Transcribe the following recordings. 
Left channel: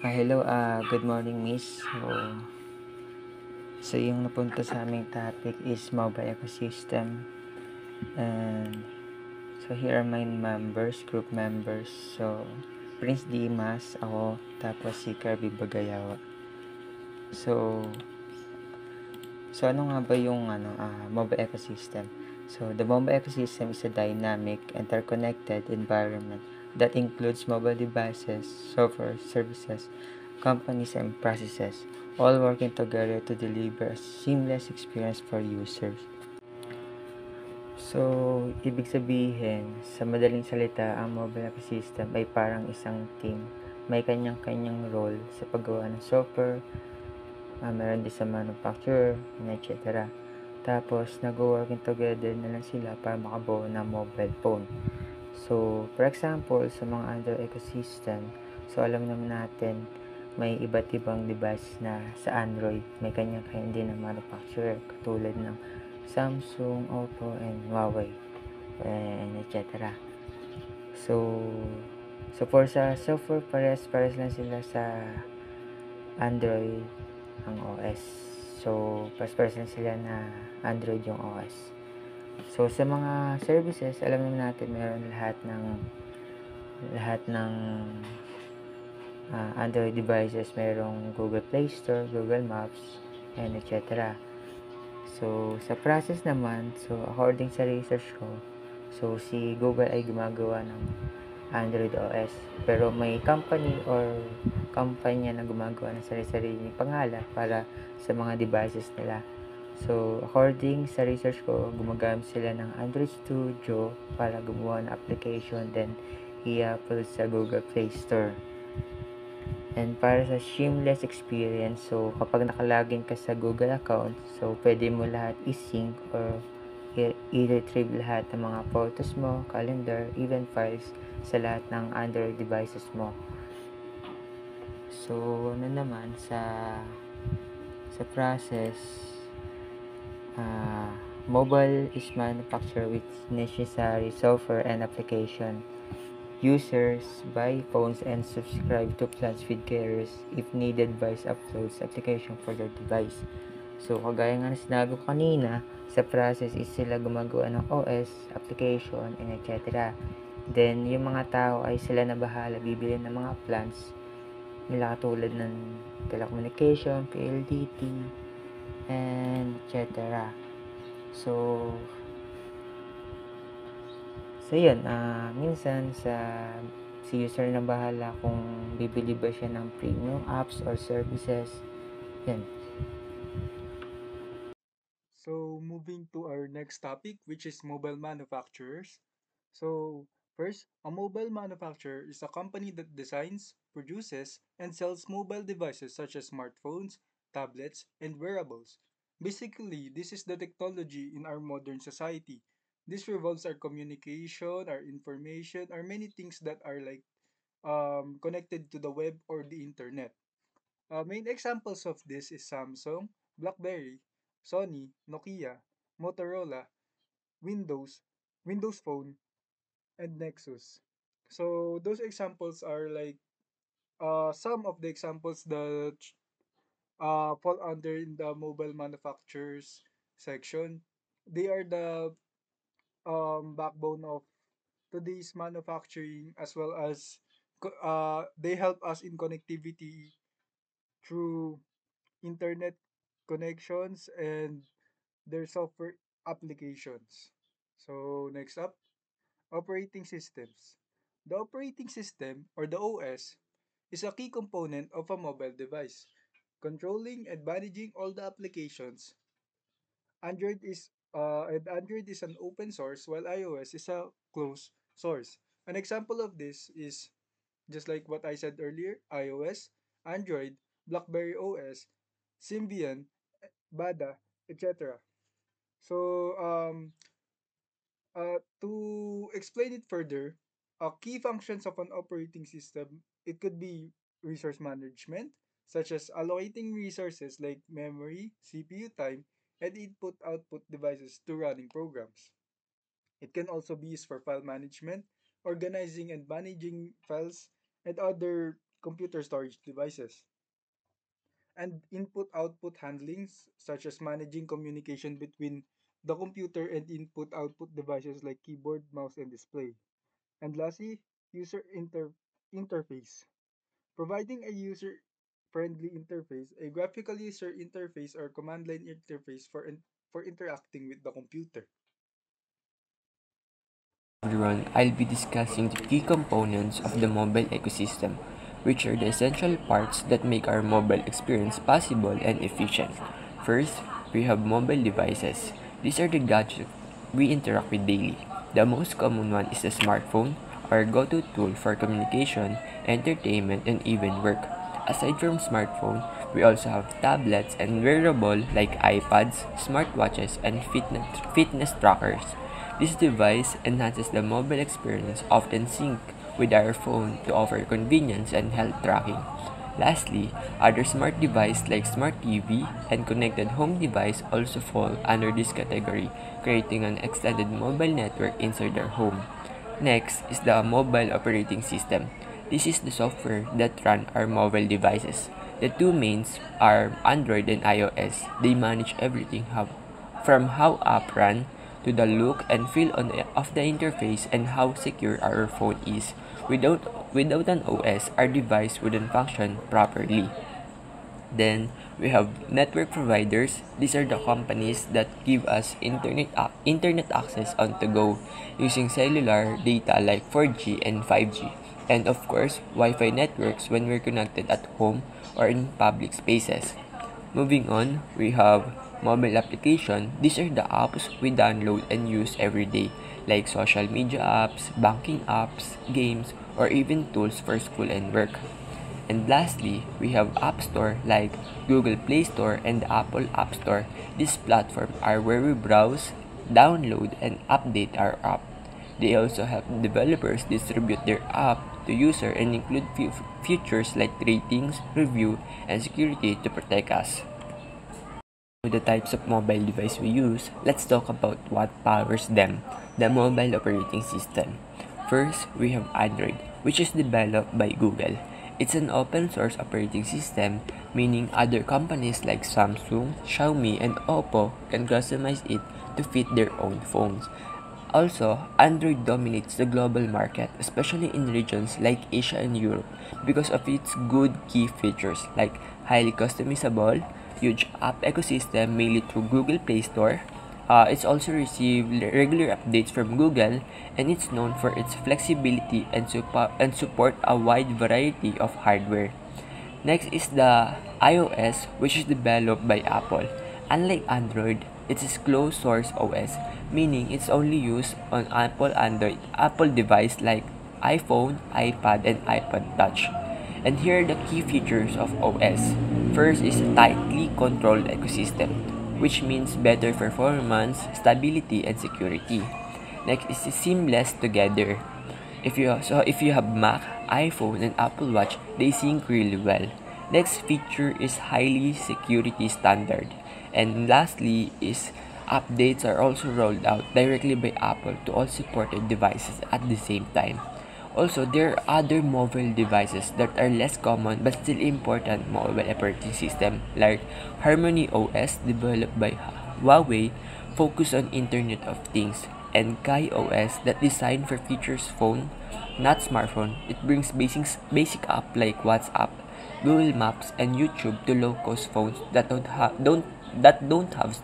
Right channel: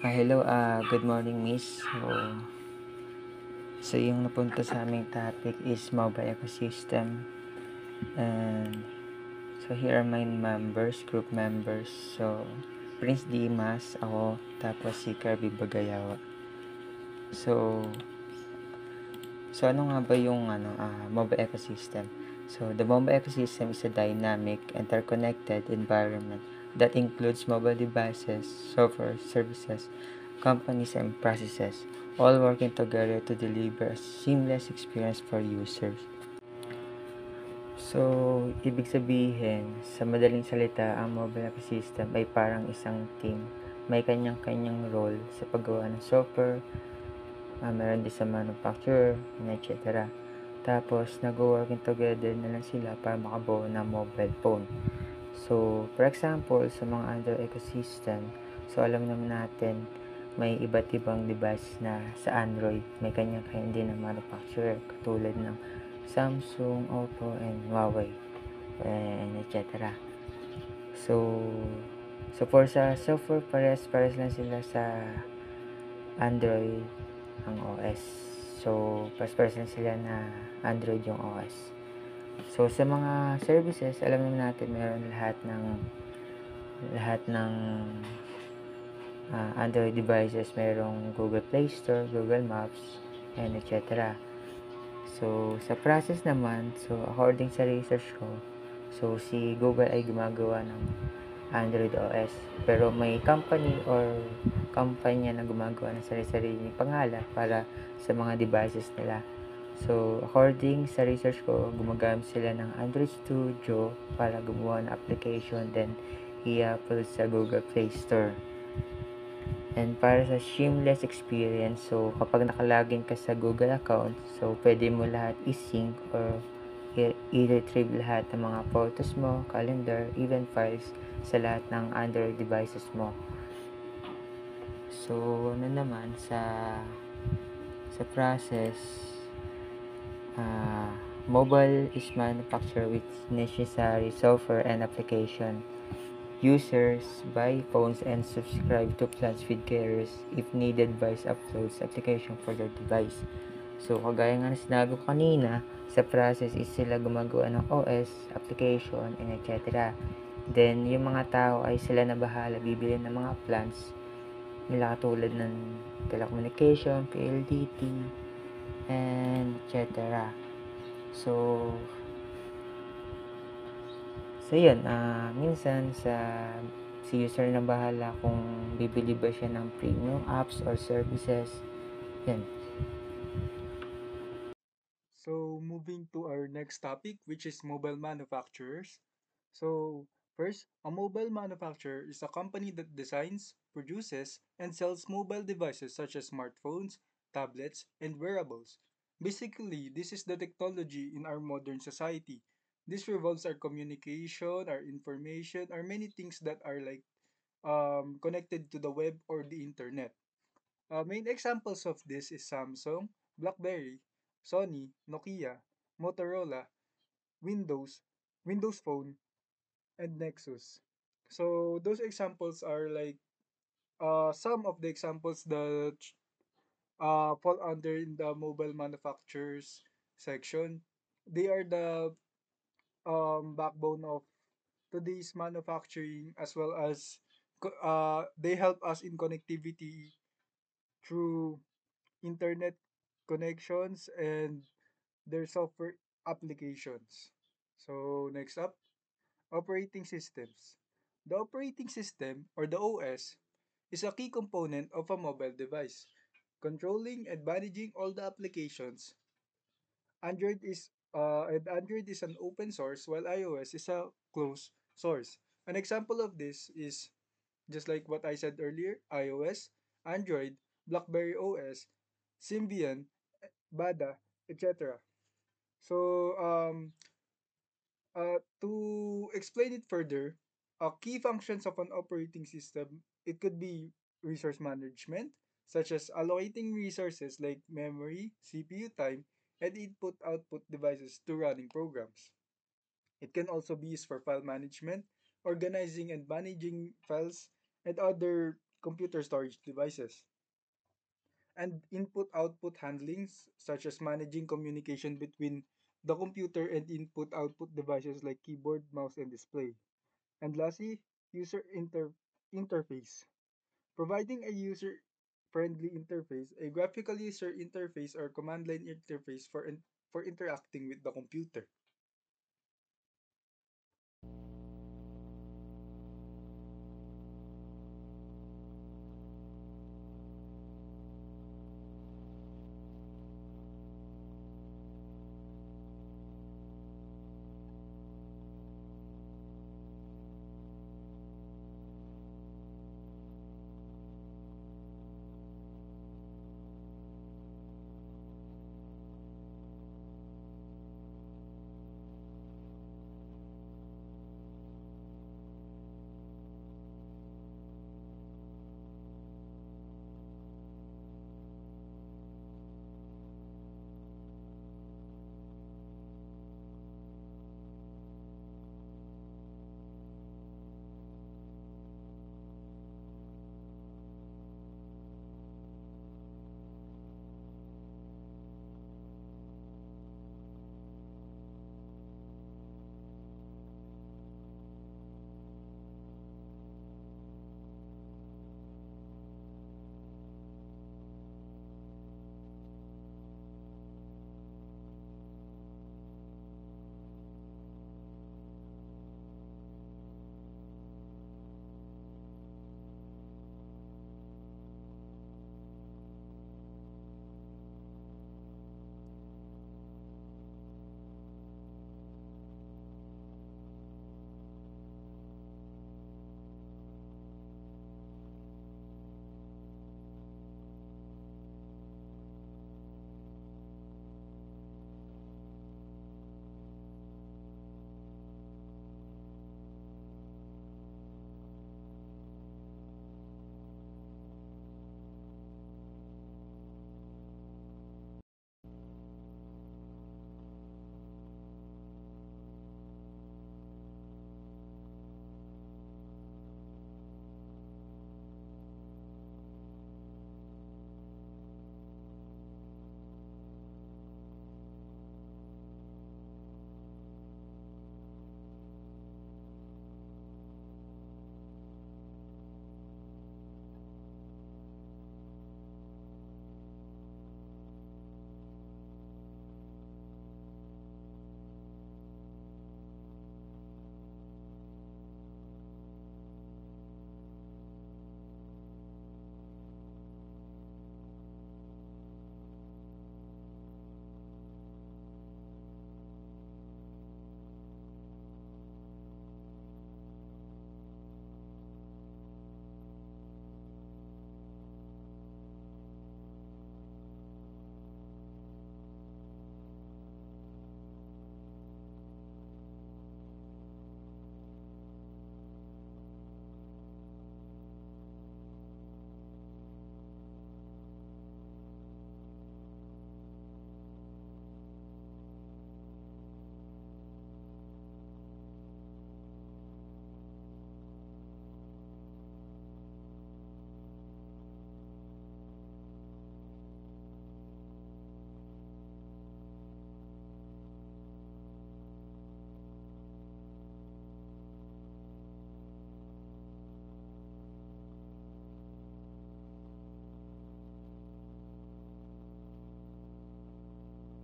Hello, good morning, Miss. So yung napunta sa aming topic is mobile ecosystem. And so here are my members, group members. So, Prince Dimas, ako, tapos si Kirby Bagayawa. So, so ano nga ba yung mobile ecosystem? So, the mobile ecosystem is a dynamic, interconnected environment that includes mobile devices, software, services, companies, and processes, all working together to deliver a seamless experience for users. So, ibig sabihin, sa madaling salita, ang mobile ecosystem ay parang isang team. May kanyang-kanyang role sa paggawa ng software, meron din sa manufacturer, etc. Tapos, nag-working together na lang sila para makabuo ng mobile phone. So, for example, sa mga Android ecosystem, so alam naman natin, may iba't ibang device na sa Android, may kanya-kanya din ng manufacturer, katulad ng Samsung, Oppo, and Huawei, and etc. So, for sa software, pares lang sila sa Android ang OS. So, pares lang sila na Android yung OS. So, sa mga services, alam naman natin meron lahat ng Android devices. Merong Google Play Store, Google Maps, and etc. So, sa process naman, so according sa research ko, so si Google ay gumagawa ng Android OS. Pero may company or kumpanya na gumagawa ng sarili-sariling pangalan para sa mga devices nila. So, according sa research ko, gumagamit sila ng Android Studio para gumawa ng application, then i-upload sa Google Play Store. And para sa seamless experience, so kapag nakalagin ka sa Google account, so pwede mo lahat i-sync or i-retrieve lahat ng mga photos mo, calendar, event files sa lahat ng Android devices mo. So, ano naman sa process, mobile is manufactured with necessary software and application. Users buy phones and subscribe to plans with carriers. If needed, buys uploads application for their device. So, kagaya nga na sinabi ko kanina, sa process is sila gumagawa ng OS, application, and etc. Then, yung mga tao ay sila na bahala bibili ng mga plans nila katulad ng telecommunication, PLDT, and etc. So, yun, minsan si user na bahala kung bibili ba siya ng premium apps or services. Yan. So, moving to our next topic, which is mobile manufacturers. So, first, a mobile manufacturer is a company that designs, produces, and sells mobile devices such as smartphones, tablets, and wearables. Basically, this is the technology in our modern society. This revolves our communication, our information, our many things that are like connected to the web or the internet. Main examples of this is Samsung, BlackBerry, Sony, Nokia, Motorola, Windows, Windows Phone, and Nexus. So those examples are like some of the examples that fall under in the mobile manufacturers section. They are the backbone of today's manufacturing as well as they help us in connectivity through internet connections and their software applications. So next up, operating systems. The operating system or the OS is a key component of a mobile device, controlling and managing all the applications. Android is an open source while iOS is a closed source. An example of this is just like what I said earlier, iOS, Android, BlackBerry OS, Symbian, Bada, etc. So, to explain it further, key functions of an operating system, it could be resource management, such as allocating resources like memory, CPU time, and input-output devices to running programs. It can also be used for file management, organizing and managing files, and other computer storage devices. And input-output handlings, such as managing communication between the computer and input-output devices like keyboard, mouse, and display. And lastly, interface. Providing a user-friendly interface, a graphical user interface or command line interface for interacting with the computer. Everyone, I'll be discussing the key components of the mobile ecosystem, which are the essential parts that make our mobile experience possible and efficient. First, we have mobile devices. These are the gadgets we interact with daily. The most common one is the smartphone, our go-to tool for communication, entertainment, and even work. Aside from smartphone, we also have tablets and wearable like iPads, smartwatches, and fitness trackers. This device enhances the mobile experience, often sync with our phone to offer convenience and health tracking. Lastly, other smart devices like smart TV and connected home device also fall under this category, creating an extended mobile network inside our home. Next is the mobile operating system. This is the software that run our mobile devices. The two mains are Android and iOS. They manage everything from how app run to the look and feel of the interface and how secure our phone is. Without an OS, our device wouldn't function properly. Then we have network providers. These are the companies that give us internet access on the go using cellular data like 4G and 5G. And of course, Wi-Fi networks when we're connected at home or in public spaces. Moving on, we have mobile application. These are the apps we download and use every day, like social media apps, banking apps, games, or even tools for school and work. And lastly, we have App Store like Google Play Store and Apple App Store. These platforms are where we browse, download, and update our app. They also help developers distribute their app to user and include features like ratings, review, and security to protect us. With the types of mobile device we use, let's talk about what powers them, the mobile operating system. First, we have Android, which is developed by Google. It's an open source operating system, meaning other companies like Samsung, Xiaomi, and Oppo can customize it to fit their own phones. Also, Android dominates the global market, especially in regions like Asia and Europe, because of its good key features like highly customizable, huge app ecosystem mainly through Google Play Store. It's also received regular updates from Google, and it's known for its flexibility and support a wide variety of hardware. Next is the iOS, which is developed by Apple. Unlike Android, it is closed source OS, meaning it's only used on Apple device like iPhone, iPad, and iPod Touch. And here are the key features of OS. First is a tightly controlled ecosystem, which means better performance, stability, and security. Next is seamless together. If you have Mac, iPhone, and Apple Watch, they sync really well. Next feature is highly security standard. And lastly is updates are also rolled out directly by Apple to all supported devices at the same time. Also, there are other mobile devices that are less common but still important mobile operating system like Harmony OS developed by Huawei focus on Internet of Things and Kai OS that designed for features phone, not smartphone. It brings basic app like WhatsApp, Google Maps, and YouTube to low-cost phones that don't have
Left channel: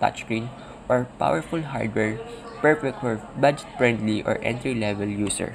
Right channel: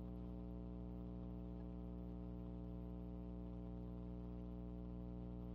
touchscreen or powerful hardware, perfect for budget-friendly or entry-level user.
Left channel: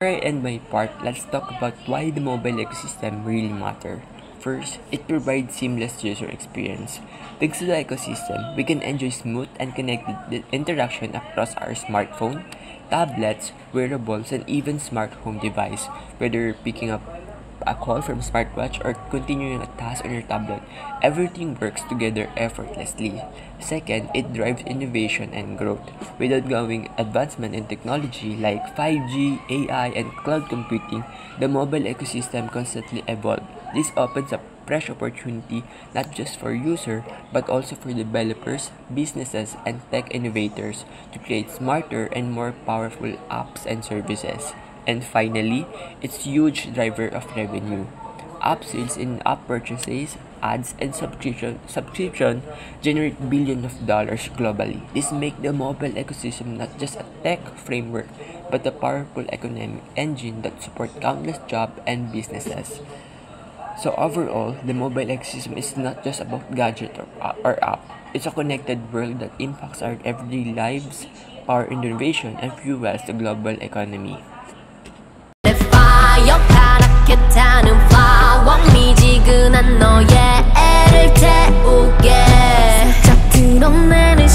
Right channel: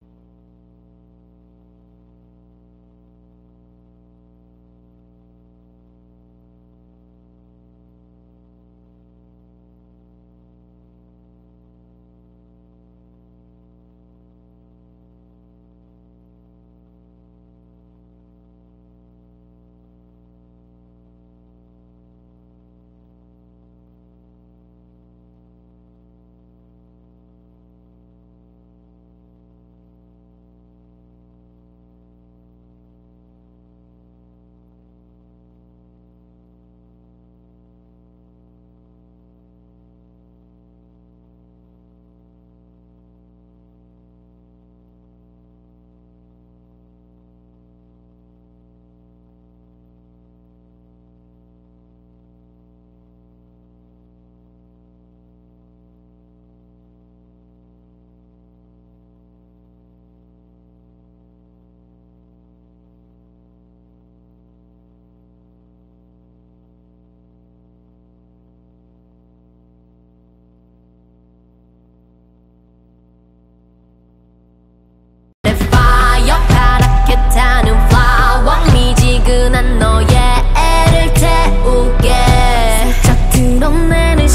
Before I end my part, let's talk about why the mobile ecosystem really matter. First, it provides seamless user experience. Thanks to the ecosystem, we can enjoy smooth and connected interaction across our smartphone, tablets, wearables, and even smart home device. Whether picking up a call from smartwatch or continuing a task on your tablet, everything works together effortlessly. Second, it drives innovation and growth. With ongoing advancement in technology like 5G, AI, and cloud computing, the mobile ecosystem constantly evolves. This opens up fresh opportunity not just for users but also for developers, businesses, and tech innovators to create smarter and more powerful apps and services. And finally, it's huge driver of revenue. App sales and app purchases, ads, and subscription generate billions of dollars globally. This makes the mobile ecosystem not just a tech framework, but a powerful economic engine that supports countless jobs and businesses. So overall, the mobile ecosystem is not just about gadget or app. It's a connected world that impacts our everyday lives, power innovation, and fuels the global economy. 파랗게 타는 flower 미지근한 너의 애를 태우게 슬쩍 드러내는